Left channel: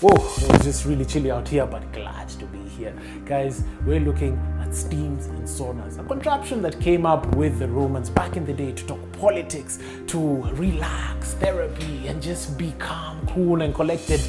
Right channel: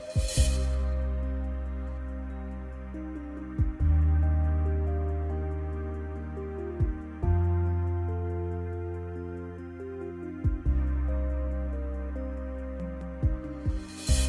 Whoa, it was just really chilly out here, but glad to be here. Guys, we're looking at steams and saunas, a contraption that came up with the Romans back in the day to talk politics, to relax, therapy, and just be calm, cool, and collected.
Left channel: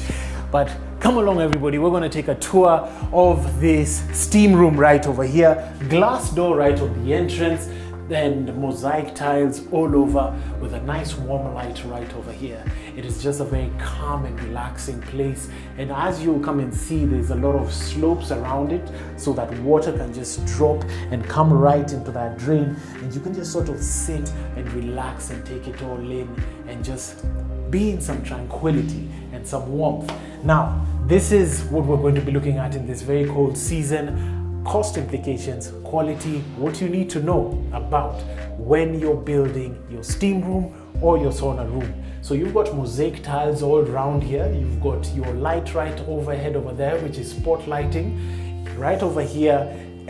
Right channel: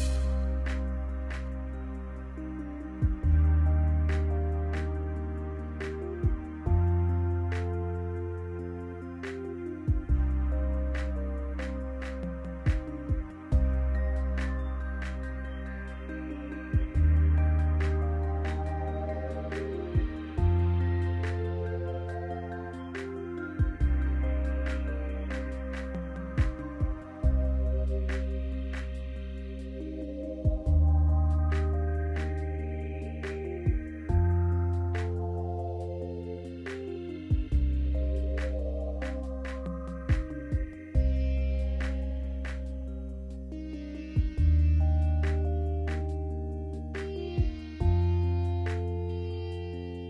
But come along, everybody, we're going to take a tour of this steam room right over here. Glass door right on the entrance, and mosaic tiles all over with a nice warm light right over here. It is just a very calm and relaxing place, and as you come and see, there's a lot of slopes around it so that water can just drop and come right into that drain, and you can just sort of sit and relax and take it all in and just be in some tranquility and some warmth. Now, this is what we're going to be looking at in this very cold season: cost implications, quality, what you need to know about when you're building your steam room or your sauna room. So you've got mosaic tiles all around here. You've got your light right overhead over there, which is spot lighting. Right over here,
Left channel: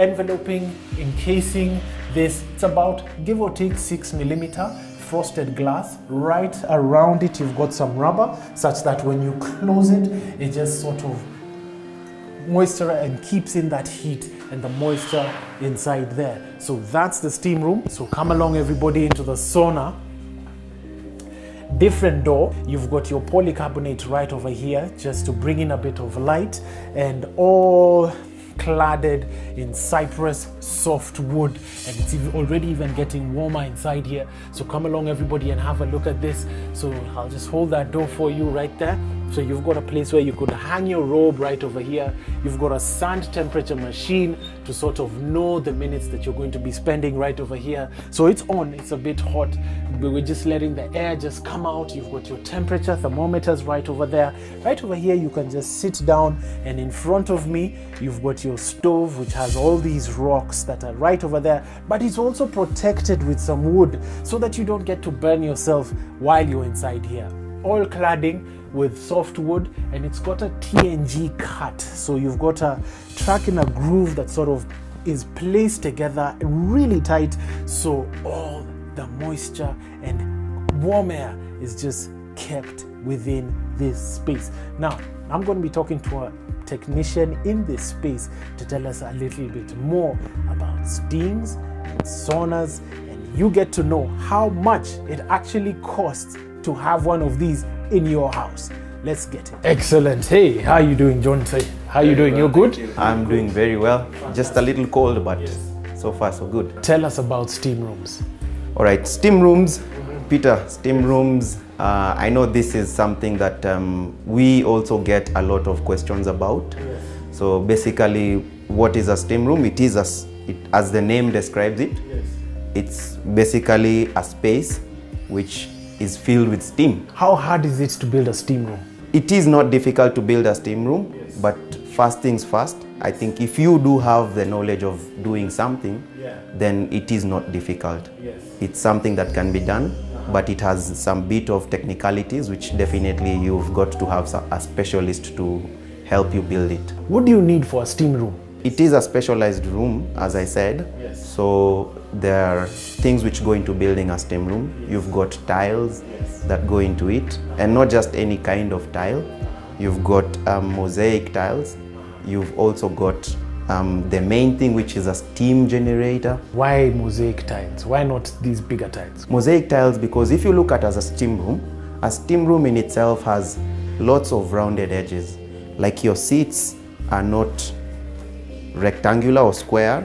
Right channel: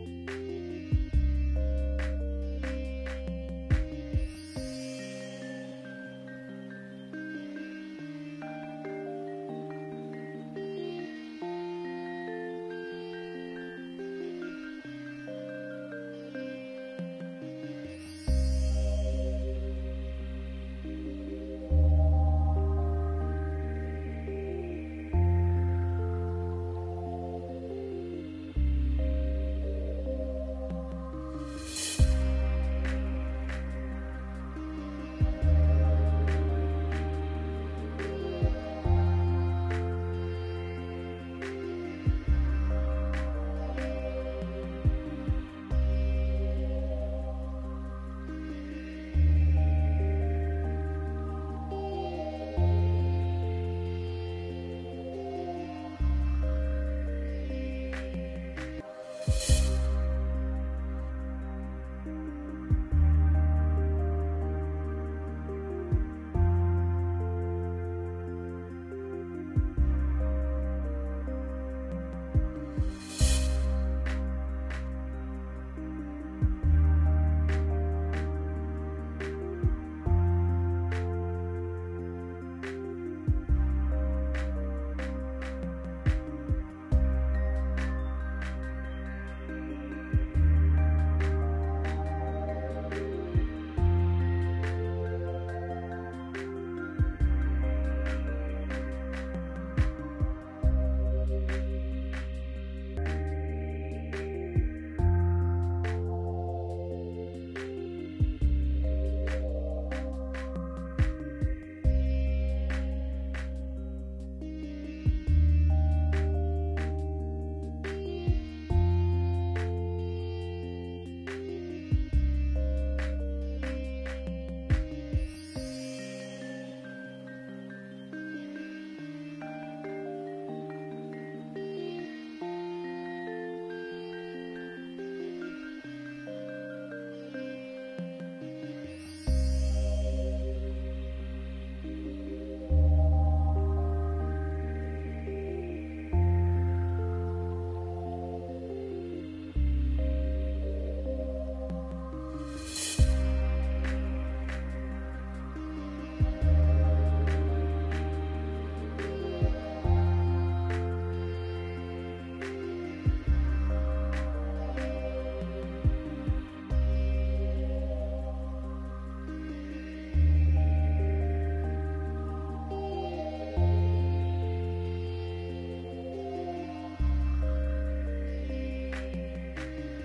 enveloping, encasing this. It's about, give or take, 6mm frosted glass. Right around it, you've got some rubber, such that when you close it, it just sort of moisture and keeps in that heat and the moisture inside there. So that's the steam room. So come along, everybody, into the sauna. Different door. You've got your polycarbonate right over here just to bring in a bit of light, and all cladded in cypress soft wood, and it's already even getting warmer inside here. So come along, everybody, and have a look at this. So I'll just hold that door for you right there. So you've got a place where you could hang your robe right over here. You've got a sand temperature machine to sort of know the minutes that you're going to be spending right over here. So it's on, it's a bit hot. We're just letting the air just come out. You've got your temperature thermometers right over there. Right over here, you can just sit down, and in front of me, you've got your stove, which has all these rocks that are right over there, but it's also protected with some wood so that you don't get to burn yourself while you're inside here. All cladding with soft wood, and it's got a TNG cut. So you've got a track in a groove that sort of is placed together really tight, so all the moisture and warm air is just kept within this space. Now, I'm going to be talking to a technician in this space to tell us a little bit more about steams and saunas, and you get to know how much it actually costs to have one of these in your house. Let's get it. Excellent. Hey, how are you doing, John? How are you doing? You're good? I'm doing very well. Just a little cold, but so far so good. Tell us about steam rooms. All right, steam rooms. Peter, steam rooms. I know this is something that we also get a lot of questions about. So basically, what is a steam room? It is, as the name describes it, it's basically a space which is filled with steam. How hard is it to build a steam room? It is not difficult to build a steam room, but first things first, I think if you do have the knowledge of doing something, then it is not difficult. It's something that can be done, but it has some bit of technicalities, which definitely you've got to have a specialist to help you build it. What do you need for a steam room? It is a specialized room, as I said. So there are things which go into building a steam room. You've got tiles that go into it, and not just any kind of tile. You've got mosaic tiles. You've also got the main thing, which is a steam generator. Why mosaic tiles? Why not these bigger tiles? Mosaic tiles, because if you look at it as a steam room in itself has lots of rounded edges. Like your seats are not rectangular or square.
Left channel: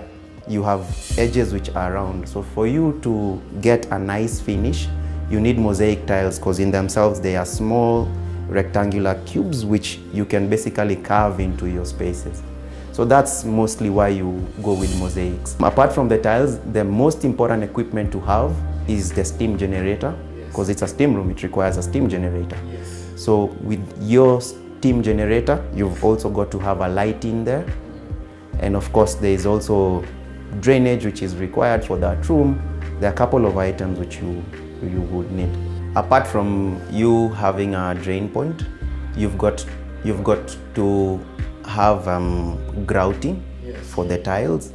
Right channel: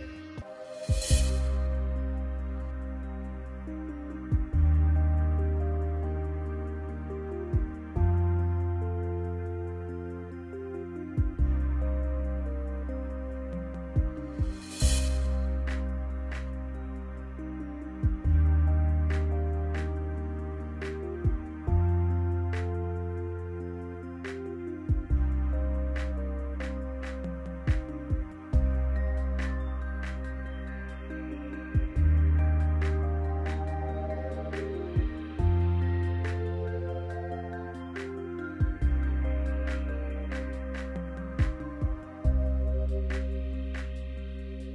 You have edges which are round. So for you to get a nice finish, you need mosaic tiles, because in themselves they are small rectangular cubes which you can basically carve into your spaces. So that's mostly why you go with mosaics. Apart from the tiles, the most important equipment to have is the steam generator, because it's a steam room, it requires a steam generator. So with your steam generator, you've also got to have a light in there. And of course, there is also drainage which is required for that room. There are a couple of items which you would need. Apart from you having a drain point, you've got to have grouting for the tiles,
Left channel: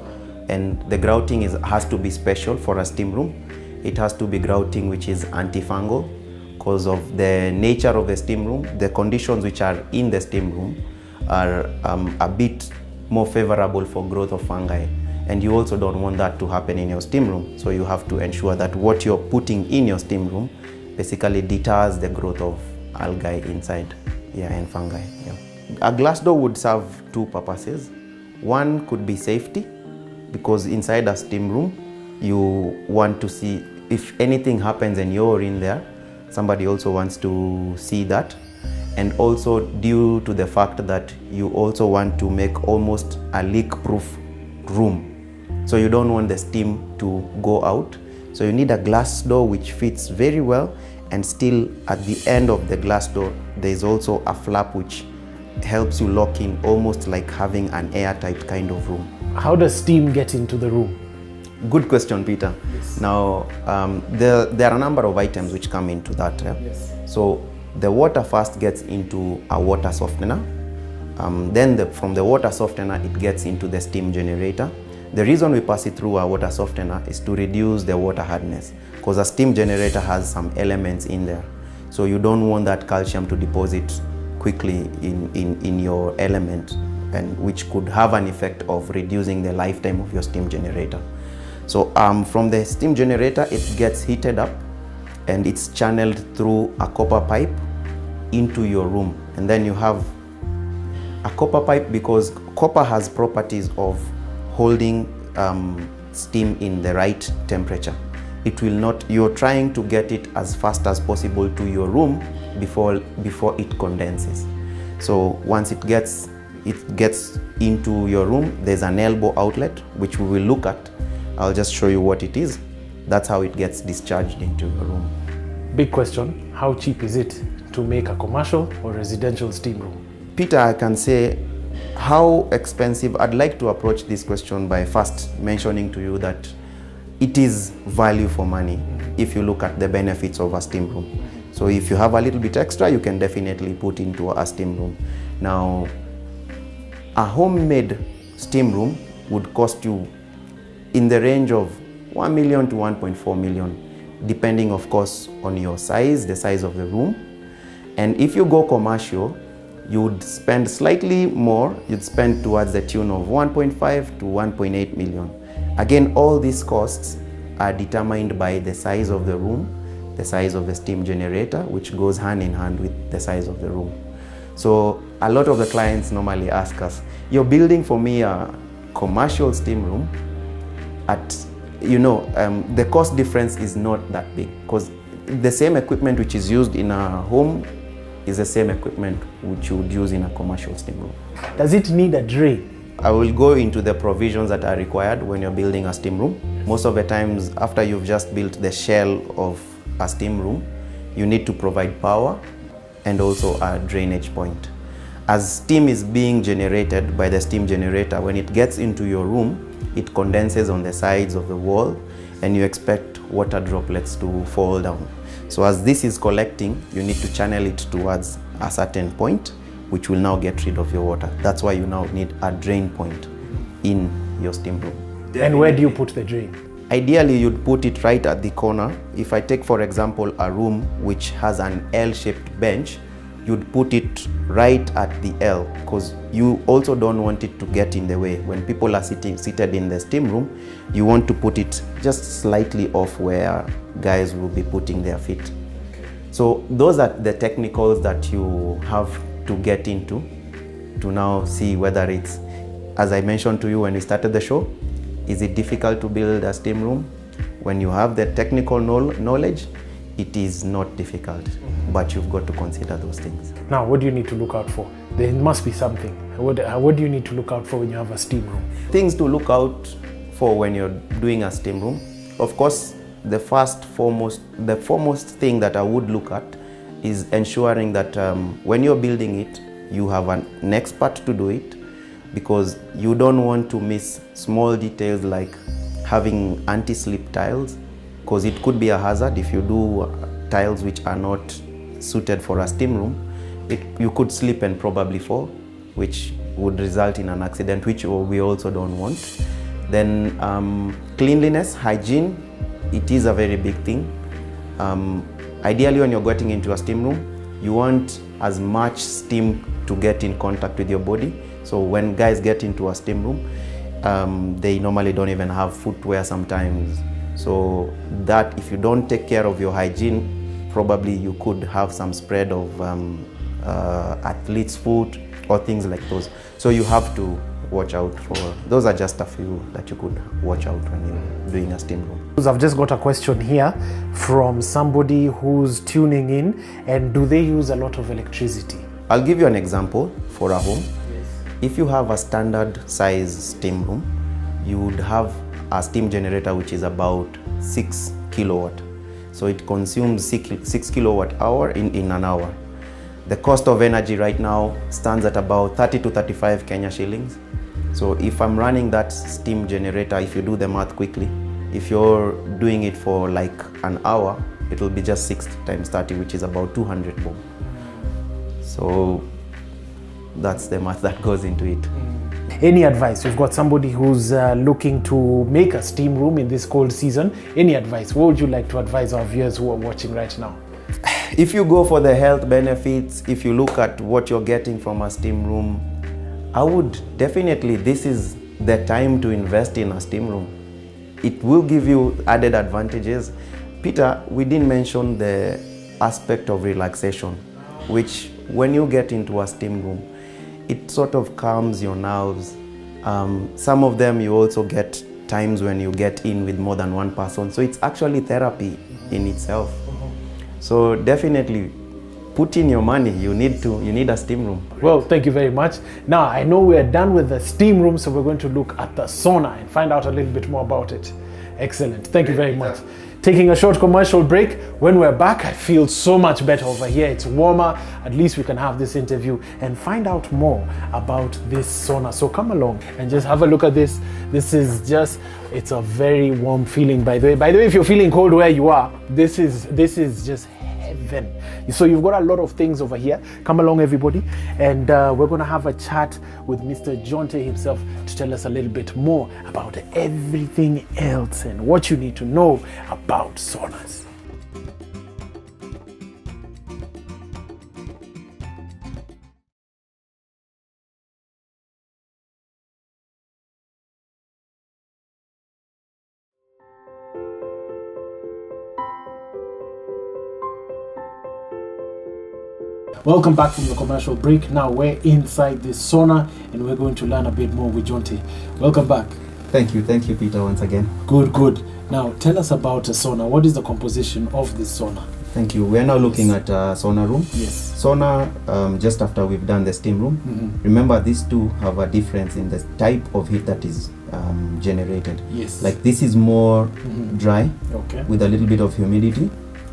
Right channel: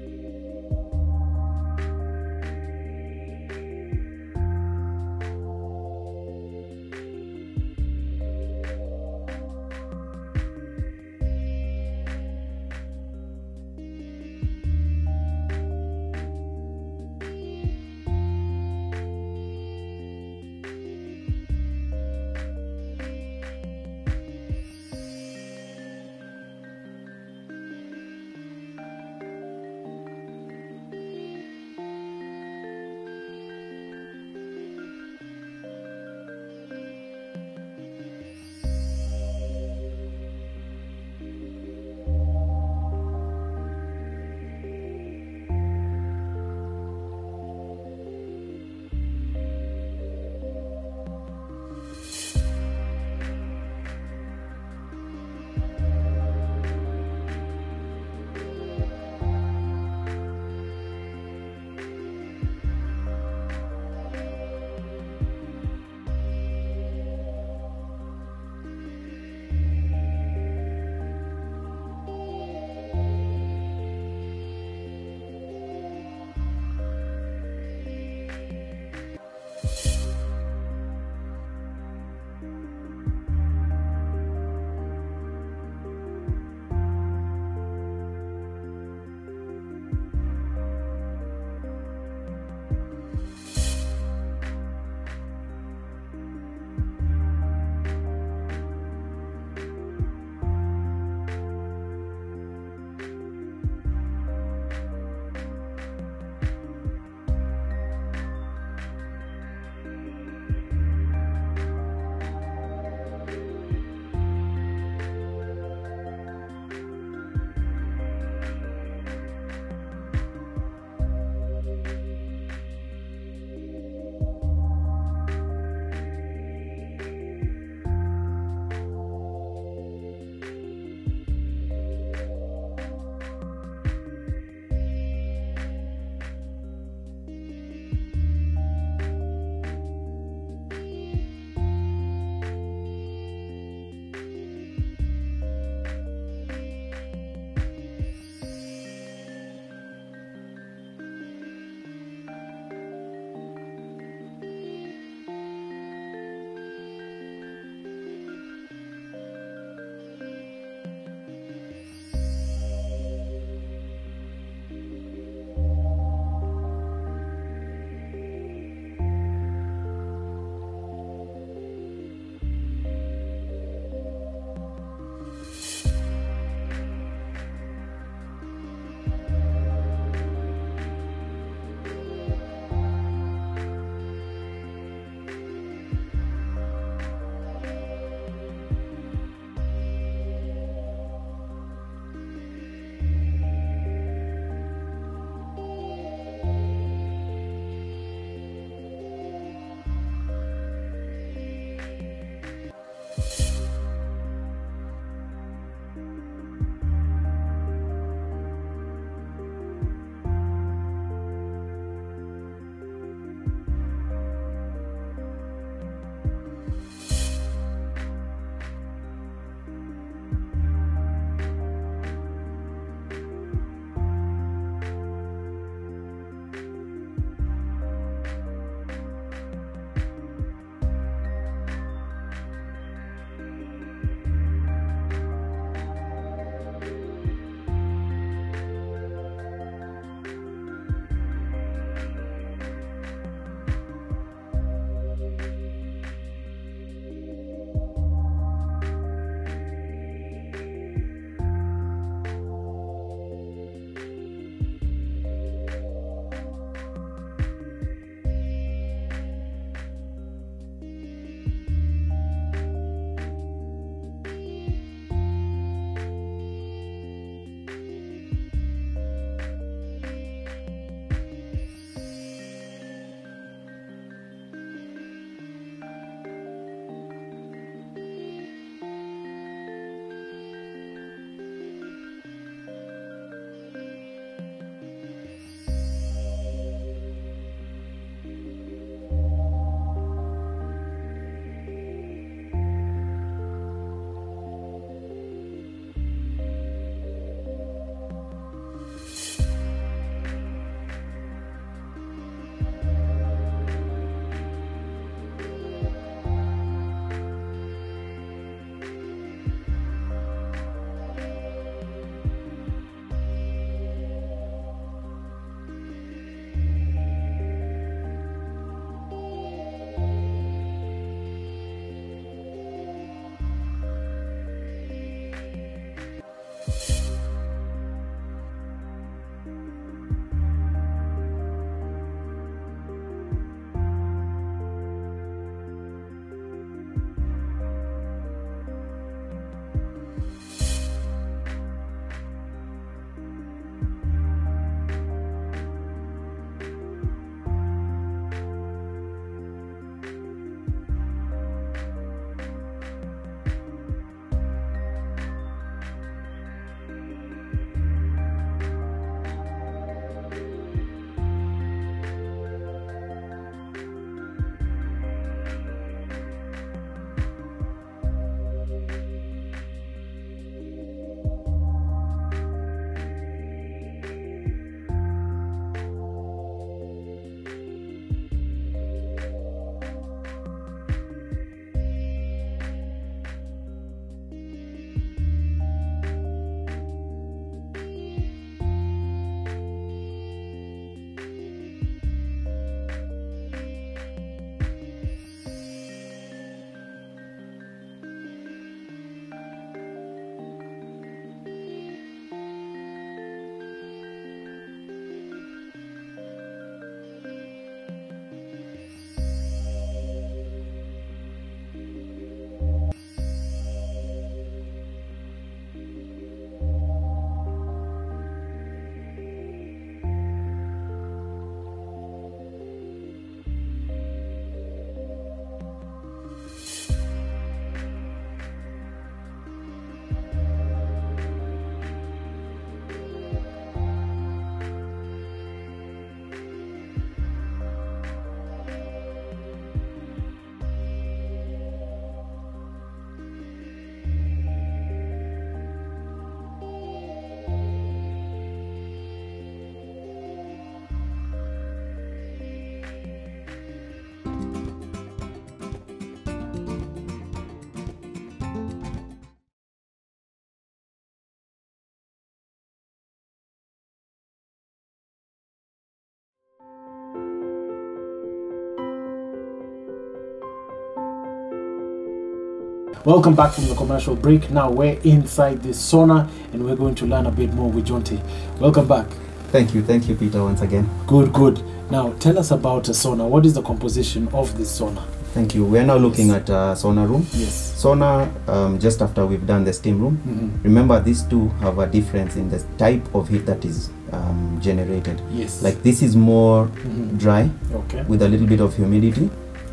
and the grouting has to be special for a steam room. It has to be grouting which is antifungal, because of the nature of the steam room. The conditions which are in the steam room are a bit more favorable for growth of fungi, and you also don't want that to happen in your steam room. So you have to ensure that what you're putting in your steam room basically deters the growth of algae inside, and fungi. A glass door would serve two purposes. One could be safety, because inside a steam room you want to see if anything happens and you're in there, somebody also wants to see that. And also due to the fact that you also want to make almost a leak-proof room. So you don't want the steam to go out. So you need a glass door which fits very well, and still at the end of the glass door there is also a flap which helps you lock in, almost like having an airtight kind of room. How does steam get into the room? Good question, Peter. Yes. Now, there are a number of items which come into that. Yes. So the water first gets into a water softener. Then from the water softener, it gets into the steam generator. The reason we pass it through a water softener is to reduce the water hardness, because a steam generator has some elements in there. So you don't want that calcium to deposit quickly in your element, and which could have an effect of reducing the lifetime of your steam generator. So from the steam generator, it gets heated up and it's channeled through a copper pipe into your room. And then you have a copper pipe, because copper has properties of holding steam in the right temperature. It will not, you're trying to get it as fast as possible to your room before it condenses. So once it gets into your room, there's an elbow outlet which we will look at. I'll just show you what it is. That's how it gets discharged into your room. Big question, how cheap is it to make a commercial or residential steam room? Peter, I can say how expensive. I'd like to approach this question by first mentioning to you that it is value for money if you look at the benefits of a steam room. So if you have a little bit extra, you can definitely put into a steam room. Now, a homemade steam room would cost you in the range of 1 million to 1.4 million, depending of course on your size, the size of the room. And if you go commercial, you would spend slightly more. You'd spend towards the tune of 1.5 to 1.8 million. Again, all these costs are determined by the size of the room, the size of the steam generator, which goes hand in hand with the size of the room. So a lot of the clients normally ask us, you're building for me a commercial steam room at, the cost difference is not that big, because the same equipment which is used in a home is the same equipment which you would use in a commercial steam room. Does it need a drain? I will go into the provisions that are required when you're building a steam room. Most of the times, after you've just built the shell of a steam room, you need to provide power and also a drainage point. As steam is being generated by the steam generator, when it gets into your room, it condenses on the sides of the wall, and you expect water droplets to fall down. So as this is collecting, you need to channel it towards a certain point, which will now get rid of your water. That's why you now need a drain point in your steam room. And where do you put the drain? Ideally, you'd put it right at the corner. If I take, for example, a room which has an L-shaped bench, you'd put it right at the L, because you also don't want it to get in the way. When people are seated in the steam room, you want to put it just slightly off where guys will be putting their feet. So those are the technicals that you have to get into to now see whether it's, as I mentioned to you when we started the show, is it difficult to build a steam room? When you have the technical knowledge, it is not difficult, but you've got to consider those things. Now, what do you need to look out for? There must be something. What do you need to look out for when you have a steam room? Things to look out for when you're doing a steam room. Of course, the foremost thing that I would look at is ensuring that when you're building it, you have an expert to do it, because you don't want to miss small details like having anti-slip tiles, because it could be a hazard if you do tiles which are not suited for a steam room. You could slip and probably fall, which would result in an accident, which we also don't want. Then cleanliness, hygiene, it is a very big thing. ideally when you're getting into a steam room, you want as much steam to get in contact with your body. So when guys get into a steam room, they normally don't even have footwear sometimes. So that if you don't take care of your hygiene, probably you could have some spread of athlete's foot or things like those. So you have to watch out for, those are just a few that you could watch out when you're doing a steam room. I've just got a question here from somebody who's tuning in, and do they use a lot of electricity? I'll give you an example for a home. If you have a standard size steam room, you would have a steam generator which is about 6 kilowatt. So it consumes 6 kilowatt hour in an hour. The cost of energy right now stands at about 30 to 35 Kenya shillings. So if I'm running that steam generator, if you do the math quickly, if you're doing it for like an hour, it will be just 6 times 30, which is about 200 bob. So that's the math that goes into it. Any advice? We've got somebody who's looking to make a steam room in this cold season. Any advice? What would you like to advise our viewers who are watching right now? If you go for the health benefits, if you look at what you're getting from a steam room, I would definitely, this is the time to invest in a steam room. It will give you added advantages. Peter, we didn't mention the aspect of relaxation, which when you get into a steam room, it sort of calms your nerves. Some of them you also get times when you get in with more than one person. So it's actually therapy in itself. So definitely put in your money. You need a steam room. Well, thank you very much. Now I know we're done with the steam room, so we're going to look at the sauna and find out a little bit more about it. Excellent. Thank you very much. Taking a short commercial break. When we're back, I feel so much better over here. It's warmer. At least we can have this interview and find out more about this sauna. So come along and just have a look at this. This is just, it's a very warm feeling, by the way. By the way, if you're feeling cold where you are, this is just heaven. So you've got a lot of things over here. Come along, everybody, and we're going to have a chat with Mr. Jonte himself to tell us a little bit more about everything else and what you need to know about saunas. Welcome back from the commercial break. Now we're inside this sauna and we're going to learn a bit more with Jonte. Welcome back. Thank you Peter once again. Good. Now tell us about a sauna. What is the composition of this sauna? Thank you. We are now looking at a sauna room. Yes. Sauna, just after we've done the steam room. Remember, these two have a difference in the type of heat that is generated. Yes. Like this is more dry, okay, with a little bit of humidity.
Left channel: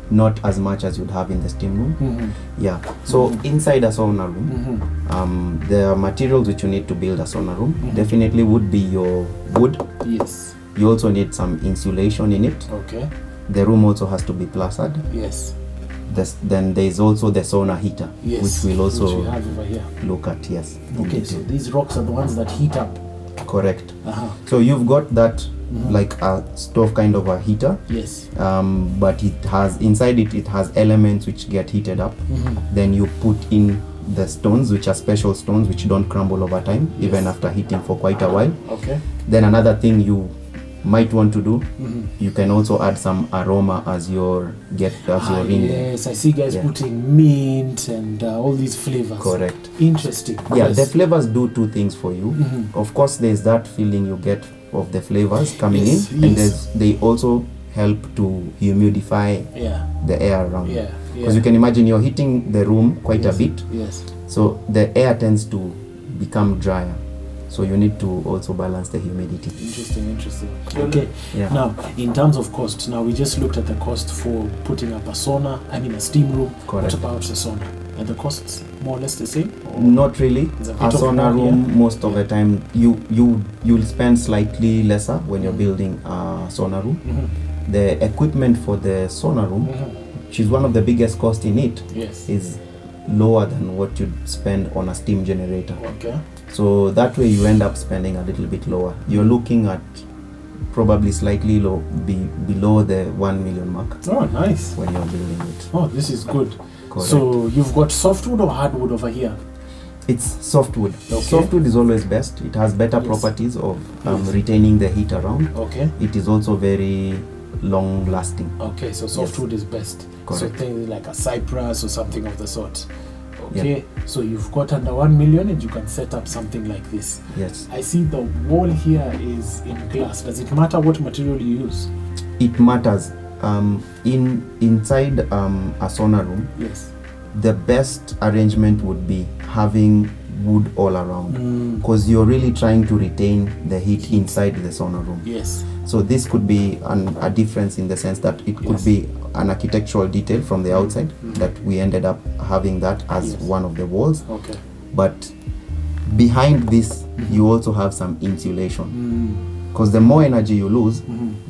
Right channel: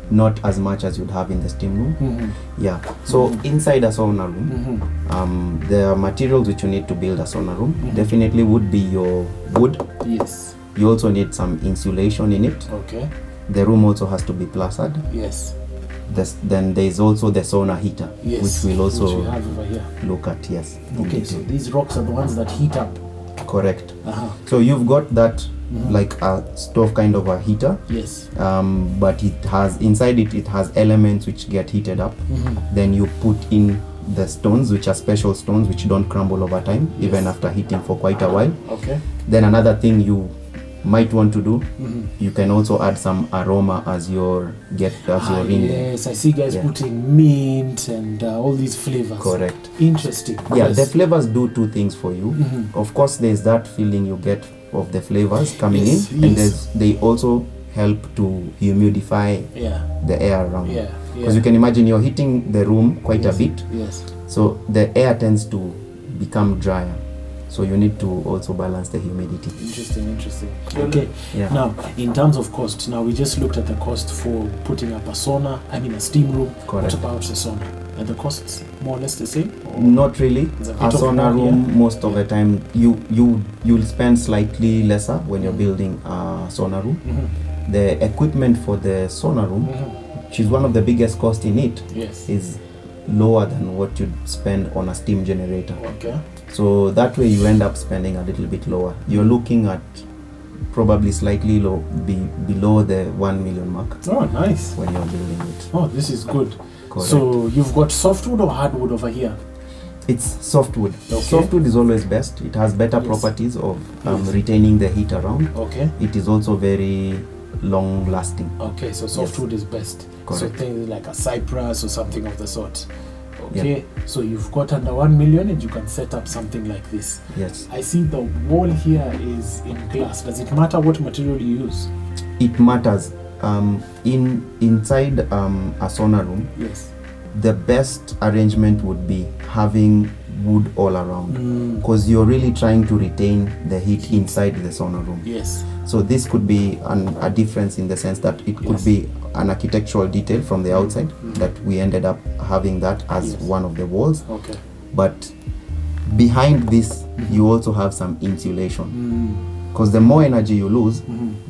Not as much as you'd have in the steam room. Yeah. So inside a sauna room, the materials which you need to build a sauna room definitely would be your wood. Yes. You also need some insulation in it. Okay. The room also has to be plastered. Yes. Then there is also the sauna heater, yes, which we'll also which we have over here. Look at. Yes. Okay. So these rocks are the ones that heat up. Correct. So you've got that. Like a stove kind of a heater. Yes. But it has inside it has elements which get heated up. Then you put in the stones, which are special stones which don't crumble over time, even after heating for quite a while. Okay. Then another thing you might want to do, you can also add some aroma as you're in there. Yes, I see guys putting mint and all these flavors. Correct. Interesting. Yeah, the flavors do two things for you. Of course, there's that feeling you get of the flavors coming in, and they also help to humidify the air around. Because you can imagine you're heating the room quite a bit. Yes. So the air tends to become drier. So you need to also balance the humidity. Interesting. Okay. Yeah. Now, in terms of cost, now we just looked at the cost for putting up a steam room. Correct. What about the sauna? Are the costs more or less the same? Not really. A sauna room, most of the time, you'll spend slightly lesser when you're building a sauna room. The equipment for the sauna room, which is one of the biggest costs in it, is lower than what you'd spend on a steam generator. Okay. So that way you end up spending a little bit lower. You're looking at probably slightly below the 1 million mark. Oh, nice. When you're building it. Oh, this is good. Correct. So you've got softwood or hardwood over here? It's softwood. Okay. Softwood is always best. It has better Yes. properties of retaining the heat around. Okay. It is also very long lasting. Okay, so softwood is best. Correct. So things like a cypress or something of the sort. Okay, so you've got under 1 million and you can set up something like this. Yes. I see the wall here is in glass. Does it matter what material you use? It matters. Inside a sauna room, Yes. the best arrangement would be having wood all around, because you're really trying to retain the heat inside the sauna room. Yes. So this could be a difference in the sense that it could be an architectural detail from the outside that we ended up having that as one of the walls. Okay. But behind this, you also have some insulation, because the more energy you lose,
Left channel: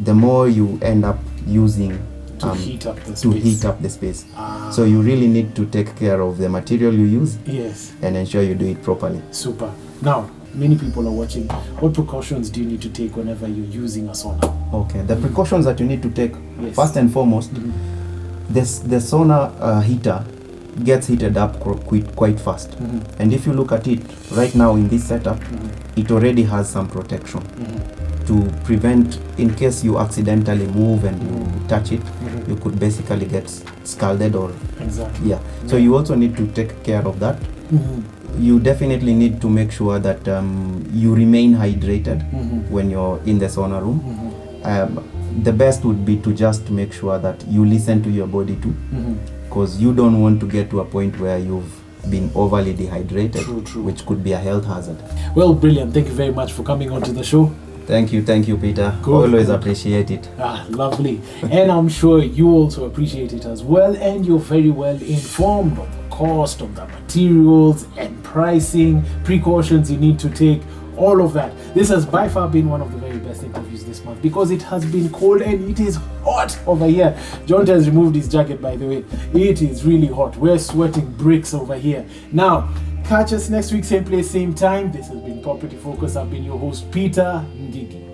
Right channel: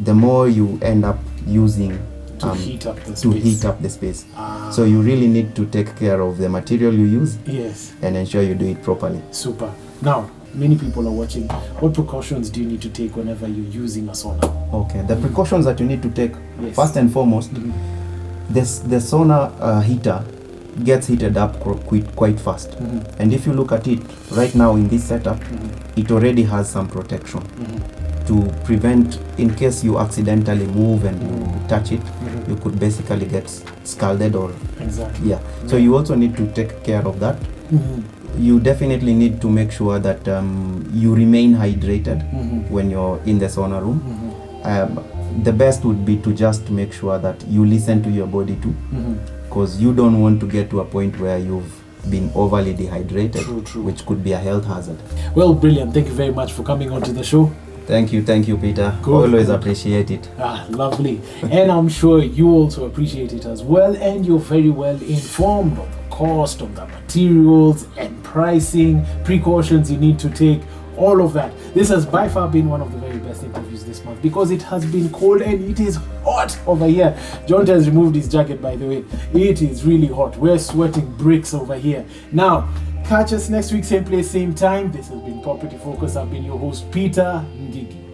the more you end up using to heat up the space. to heat up the space. So you really need to take care of the material you use, Yes. and ensure you do it properly. Super. Now, many people are watching. What precautions do you need to take whenever you're using a sauna? Okay, the precautions that you need to take, Yes. first and foremost, the sauna heater gets heated up quite fast. And if you look at it right now in this setup, it already has some protection to prevent, in case you accidentally move and you touch it, you could basically get scalded or Exactly. So you also need to take care of that. You definitely need to make sure that you remain hydrated when you're in the sauna room. The best would be to just make sure that you listen to your body too, because you don't want to get to a point where you've been overly dehydrated, True. which could be a health hazard. Well, brilliant. Thank you very much for coming onto the show. Thank you, Peter. Good, Always good. appreciate it. Lovely. And I'm sure you also appreciate it as well, and you're very well informed of the cost of the materials and pricing, precautions you need to take, all of that. This has by far been one of the very best interviews this month, because it has been cold and it is hot over here. John has removed his jacket, by the way. It is really hot. We're sweating bricks over here. Now, catch us next week, same place, same time. This has been Property Focus. I've been your host, Peter Ngigi.